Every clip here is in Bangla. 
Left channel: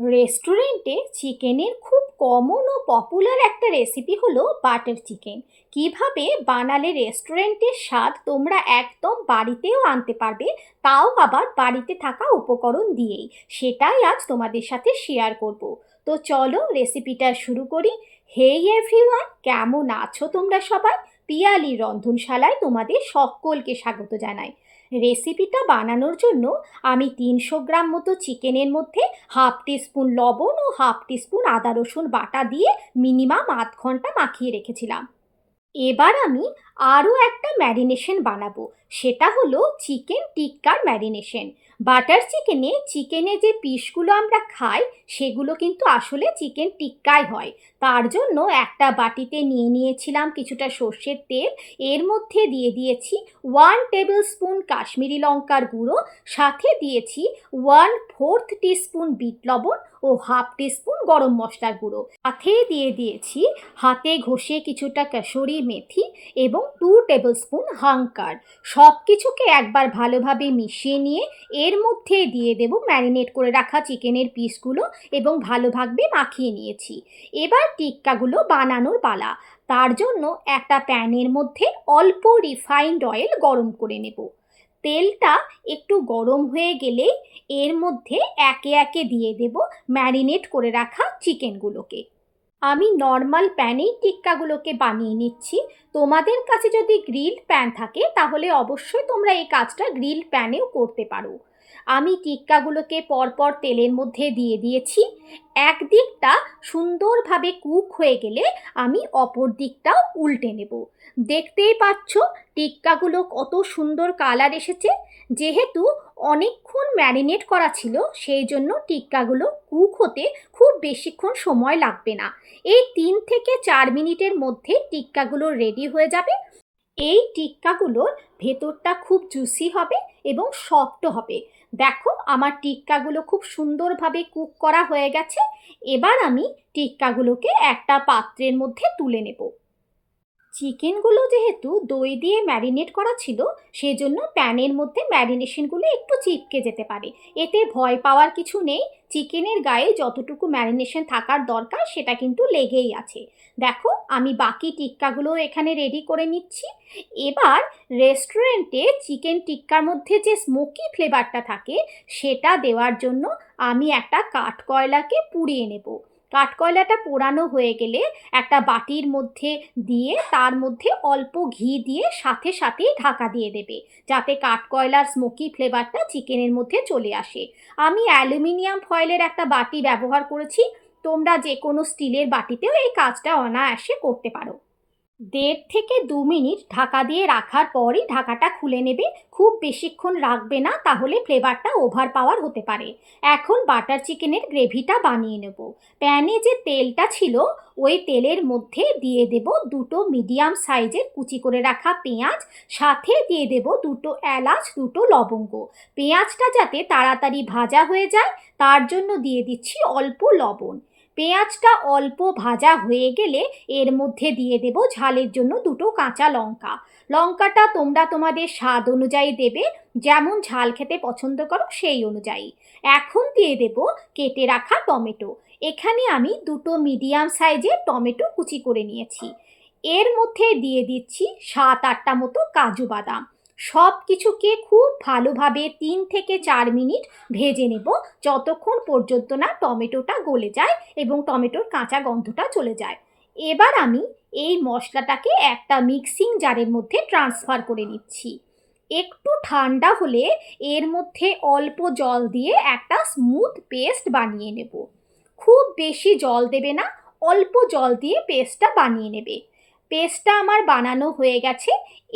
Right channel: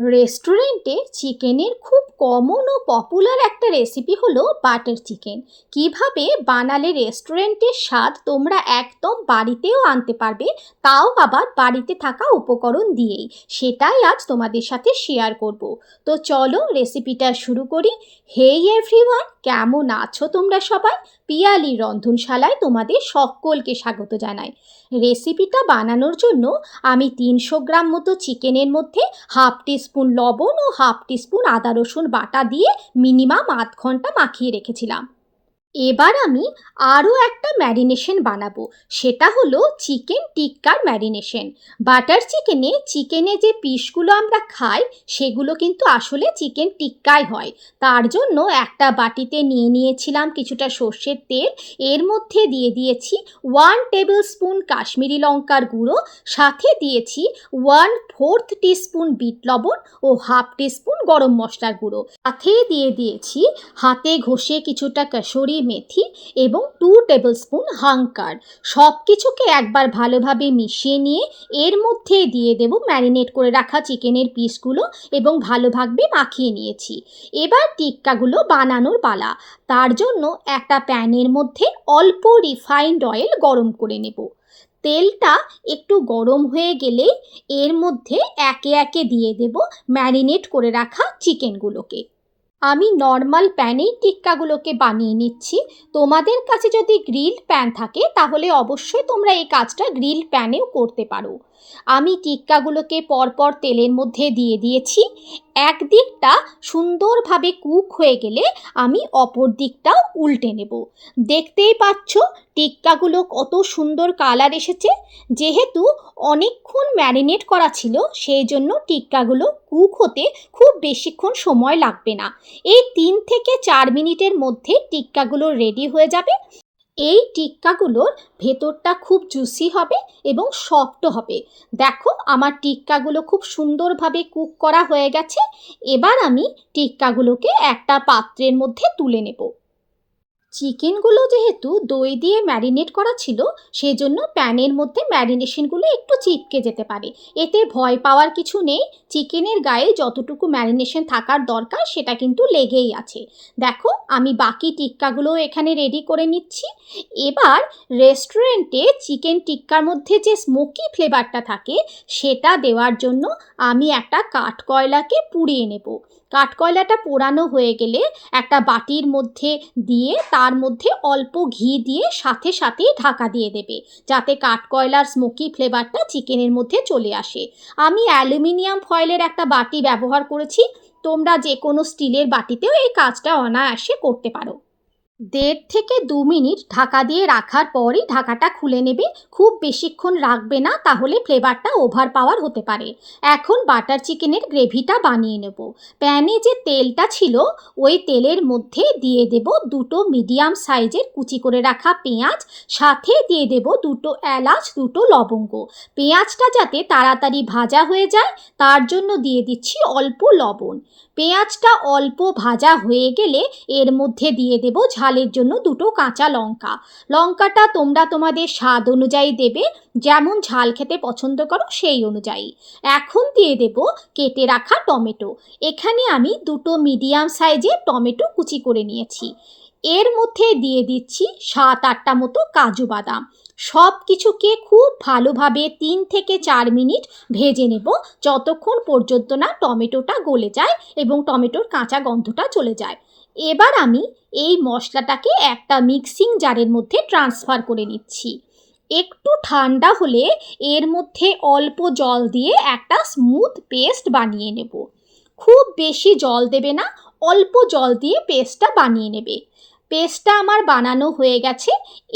রেস্টুরেন্টে চিকেনের খুব কমন ও পপুলার একটা রেসিপি হলো বাটার চিকেন। কিভাবে বানালে রেস্টুরেন্টের স্বাদ তোমরা একদম বাড়িতেও আনতে পারবে, তাও আবার বাড়িতে থাকা উপকরণ দিয়েই, সেটাই আজ তোমাদের সাথে শেয়ার করব। তো চলো রেসিপিটা শুরু করি। হেই এভরিওয়ান, কেমন আছো তোমরা সবাই? পিয়ালি রন্ধনশালায় তোমাদের সকলকে স্বাগত জানাই। রেসিপিটা বানানোর জন্য আমি 300 গ্রাম মতো চিকেনের মধ্যে হাফ টিস্পুন লবণ ও হাফ টিস্পুন আদা রসুন বাটা দিয়ে মিনিমাম আধ ঘন্টা মাখিয়ে রেখেছিলাম। এবার আমি আরও একটা ম্যারিনেশন বানাবো, সেটা হলো চিকেন টিক্কার ম্যারিনেশন। বাটার চিকেনে যে পিসগুলো আমরা খাই সেগুলো কিন্তু আসলে চিকেন টিক্কাই হয়। তার জন্য একটা বাটিতে নিয়ে নিয়েছিলাম কিছুটা সর্ষের তেল। এর মধ্যে দিয়ে দিয়েছি 1 টেবিল স্পুন কাশ্মীরি লঙ্কার গুঁড়ো, সাথে দিয়েছি 1/4 টিস্পুন বিট লবণ ও হাফ টিস্পুন গরম মশলার গুঁড়ো, সাথে দিয়ে দিয়েছি হাতে ঘষে কিছুটা কসুরি মেথি এবং 2 টেবিল স্পুন হাঙ্কার। সব কিছুকে একবার ভালোভাবে মিশিয়ে নিয়ে এর মধ্যে দিয়ে দেব ম্যারিনেট করে রাখা চিকেনের পিসগুলো এবং ভালোভাবে মাখিয়ে নিয়েছি। এবার টিক্কাগুলো বানানোর পালা। তার জন্য একটা প্যানের মধ্যে অল্প রিফাইন্ড অয়েল গরম করে নেব। তেলটা একটু গরম হয়ে গেলে এর মধ্যে একে একে দিয়ে দেব ম্যারিনেট করে রাখা চিকেনগুলোকে। আমি নর্মাল প্যানেই টিক্কাগুলোকে বানিয়ে নিচ্ছি। তোমাদের কাছে যদি গ্রিল প্যান থাকে তাহলে অবশ্যই তোমরা এই কাজটা গ্রিল প্যানেও করতে পারো। আমি টিক্কাগুলোকে পরপর তেলের মধ্যে দিয়ে দিয়েছি। একদিকটা সুন্দরভাবে কুক হয়ে গেলে আমি অপর দিকটাও উল্টে নেব। দেখতেই পাচ্ছ টিক্কাগুলো কত সুন্দর কালার এসেছে। যেহেতু অনেকক্ষণ ম্যারিনেট করা ছিল সেই জন্য টিক্কাগুলো কুক হতে খুব বেশিক্ষণ সময় লাগবে না। এই 3 থেকে 4 মিনিটের মধ্যে টিক্কাগুলো রেডি হয়ে যাবে। এই টিক্কাগুলোর ভেতরটা খুব জুসি হবে এবং সফট হবে। দেখো আমার টিক্কাগুলো খুব সুন্দরভাবে কুক করা হয়ে গেছে। এবার আমি টিক্কাগুলোকে একটা পাত্রের মধ্যে তুলে নেব। চিকেনগুলো যেহেতু দই দিয়ে ম্যারিনেট করা ছিল সেজন্য প্যানের মধ্যে ম্যারিনেশনগুলো একটু চিপকে যেতে পারে। এতে ভয় পাওয়ার কিছু নেই। চিকেনের গায়ে যতটুকু ম্যারিনেশন থাকার দরকার সেটা কিন্তু লেগেই আছে। দেখো আমি বাকি টিক্কাগুলো এখানে রেডি করে নিচ্ছি। এবার রেস্টুরেন্টে চিকেন টিক্কার মধ্যে যে স্মোকি ফ্লেভারটা থাকে সেটা দেওয়ার জন্য আমি একটা কাঠকয়লাকে পুড়িয়ে নেব। কাঠকয়লাটা পোড়ানো হয়ে গেলে একটা বাটির মধ্যে দিয়ে তার মধ্যে অল্প ঘি দিয়ে সাথে সাথেই ঢাকা দিয়ে দেবে, যাতে কাঠকয়লার স্মোকি ফ্লেভারটা চিকেনের মধ্যে চলে আসে। আমি অ্যালুমিনিয়াম ফয়েলের একটা বাটি ব্যবহার করেছি। তোমরা যে কোনো স্টিলের বাটিতেও এই কাজটা অনায়াসে করতে পারো। 1.5 থেকে 2 মিনিট ঢাকা দিয়ে রাখার পরই ঢাকাটা খুলে নেবে। খুব বেশিক্ষণ রাখবে না, তাহলে ফ্লেভারটা ওভার পাওয়ার হতে পারে। এখন বাটার চিকেনের গ্রেভিটা বানিয়ে নেব। প্যানে যে তেলটা ছিল ওই তেলের মধ্যে দিয়ে দেব 2টো মিডিয়াম সাইজের কুচি করে রাখা পেঁয়াজ, সাথে দিয়ে দেব 2টো এলাচ, 2টো লবঙ্গ। পেঁয়াজটা যাতে তাড়াতাড়ি ভাজা হয়ে যায় তার জন্য দিয়ে দিচ্ছি অল্প লবণ। পেঁয়াজটা অল্প ভাজা হয়ে গেলে এর মধ্যে দিয়ে দেব ঝালের জন্য 2টো কাঁচা লঙ্কা। লঙ্কাটা তোমরা তোমাদের স্বাদ অনুযায়ী দেবে, যেমন ঝাল খেতে পছন্দ করো সেই অনুযায়ী। এখন দিয়ে দেব কেটে রাখা টমেটো। এখানে আমি 2টো মিডিয়াম সাইজের টমেটো কুচি করে নিয়েছি। এর মধ্যে দিয়ে দিচ্ছি 7-8টা মতো কাজু বাদাম। সব কিছুকে খুব ভালোভাবে 3 থেকে 4 মিনিট ভেজে নেব, যতক্ষণ পর্যন্ত না টমেটোটা গলে যায় এবং টমেটোর কাঁচা গন্ধটা চলে যায়। এবার আমি এই মশলাটাকে একটা মিক্সিং জারের মধ্যে ট্রান্সফার করে নিচ্ছি। একটু ঠান্ডা হলে এর মধ্যে অল্প জল দিয়ে একটা স্মুথ পেস্ট বানিয়ে নেব। খুব বেশি জল দেবে না, অল্প জল দিয়ে পেস্টটা বানিয়ে নেবে। পেস্টটা আমার বানানো হয়ে গেছে।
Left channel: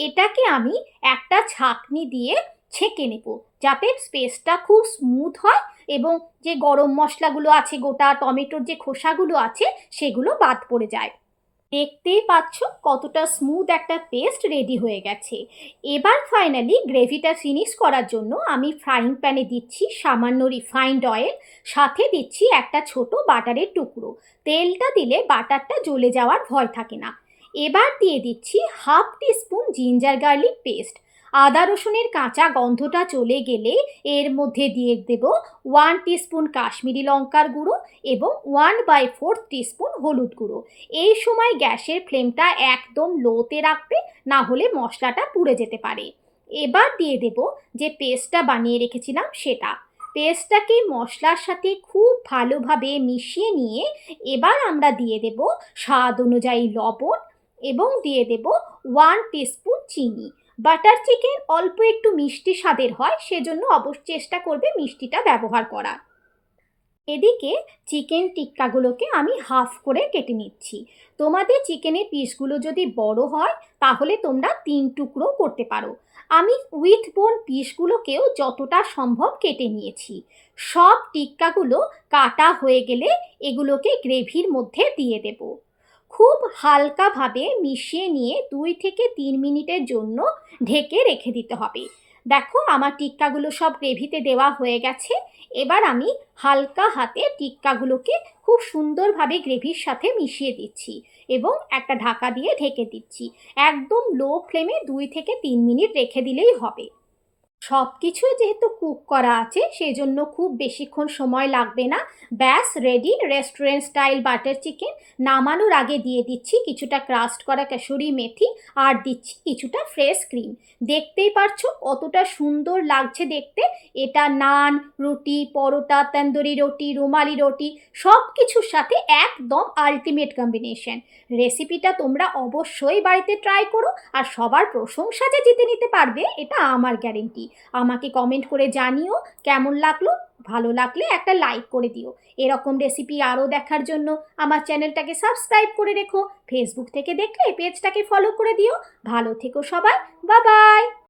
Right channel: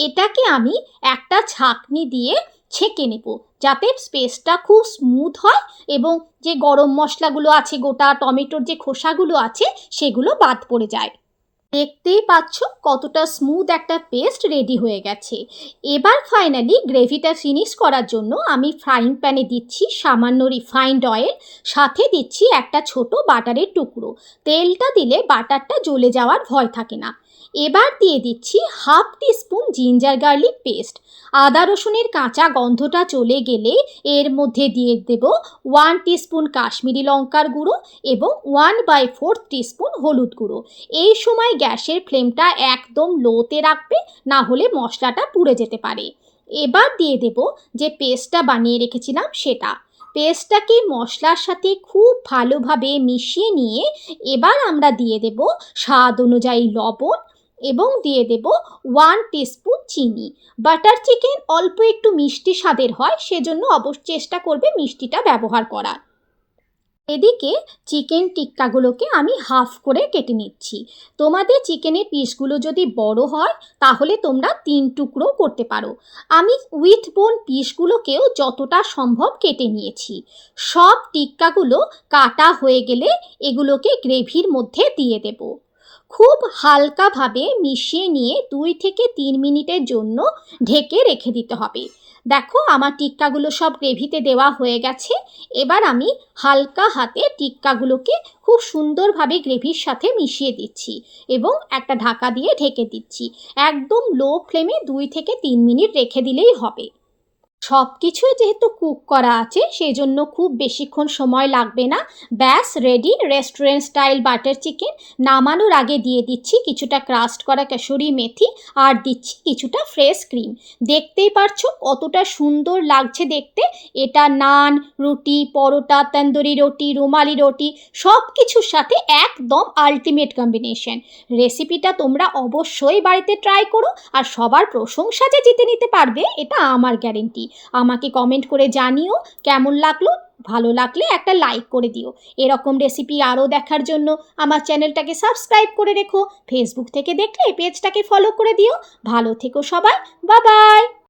এটাকে আমি একটা ছাঁকনি দিয়ে ছেঁকে নেব, যাতে পেস্টটা খুব স্মুথ হয় এবং যে গরম মশলাগুলো আছে, গোটা টমেটোর যে খোসাগুলো আছে সেগুলো বাদ পড়ে যায়। দেখতেই পাচ্ছ কতটা স্মুথ একটা পেস্ট রেডি হয়ে গেছে। এবার ফাইনালি গ্রেভিটা ফিনিশ করার জন্য আমি ফ্রাইং প্যানে দিচ্ছি সামান্য রিফাইন্ড অয়েল, সাথে দিচ্ছি একটা ছোট বাটারের টুকরো। তেলটা দিলে বাটারটা জ্বলে যাওয়ার ভয় থাকে না। এবার দিয়ে দিচ্ছি half teaspoon ginger garlic paste. আদা রসুনের কাঁচা গন্ধটা চলে গেলে এর মধ্যে দিয়ে দেব 1 টিস্পুন কাশ্মীরি লঙ্কার গুঁড়ো এবং 1/4 টিস্পুন হলুদ গুঁড়ো। এই সময় গ্যাসের ফ্লেমটা একদম লোতে রাখবে, না হলে মশলাটা পুড়ে যেতে পারে। এবার দিয়ে দেব যে পেস্টটা বানিয়ে রেখেছিলাম সেটা। পেস্টটাকে মশলার সাথে খুব ভালোভাবে মিশিয়ে নিয়ে এবার আমরা দিয়ে দেব স্বাদ অনুযায়ী লবণ এবং দিয়ে দেব 1 টিস্পুন চিনি। বাটার চিকেন অল্প একটু মিষ্টি স্বাদের হয়, সেজন্য অবশ্যই চেষ্টা করবে মিষ্টিটা ব্যবহার করার। এদিকে চিকেন টিক্কাগুলোকে আমি হাফ করে কেটে নিচ্ছি। তোমাদের চিকেনের পিসগুলো যদি বড় হয় তাহলে তোমরা 3 টুকরো করতে পারো। আমি উইথ বোন পিসগুলোকেও যতটা সম্ভব কেটে নিয়েছি। সব টিক্কাগুলো কাটা হয়ে গেলে এগুলোকে গ্রেভির মধ্যে দিয়ে দেব। খুব হালকাভাবে মিশিয়ে নিয়ে 2 থেকে 3 মিনিটের জন্য ঢেকে রেখে দিতে হবে। দেখো আমার টিক্কাগুলো সব গ্রেভিতে দেওয়া হয়ে গেছে। এবার আমি হালকা হাতে টিক্কাগুলোকে খুব সুন্দরভাবে গ্রেভির সাথে মিশিয়ে দিচ্ছি এবং একটা ঢাকা দিয়ে ঢেকে দিচ্ছি। একদম লো ফ্লেমে 2 থেকে 3 মিনিট রেখে দিলেই হবে। সব কিছুই যেহেতু কুক করা আছে সেই জন্য খুব বেশিক্ষণ সময় লাগবে না। ব্যাস ready restaurant style butter chicken. নামানোর আগে দিয়ে দিচ্ছি কিছুটা ক্রাস্ট করা কাসুরি মেথি আর দিচ্ছি কিছুটা ফ্রেশ ক্রিম। দেখতেই পারছো কতটা সুন্দর লাগছে দেখতে। এটা নান, রুটি, পরোটা, তন্দুরি রুটি, রুমালি রুটি সব কিছুর সাথে একদম আলটিমেট কম্বিনেশন। রেসিপিটা তোমরা অবশ্যই বাড়িতে ট্রাই করো আর সবার প্রশংসা যে জিতে নিতে পারবে এটা আমার গ্যারেন্টি। আমাকে কমেন্ট করে জানিও কেমন লাগলো। ভালো লাগলে একটা লাইক করে দিও। এরকম রেসিপি আরও দেখার জন্য আমার চ্যানেলটাকে সাবস্ক্রাইব করে রেখো। ফেসবুক থেকে দেখলে পেজটাকে ফলো করে দিও। ভালো থেকো সবাই। Bye bye.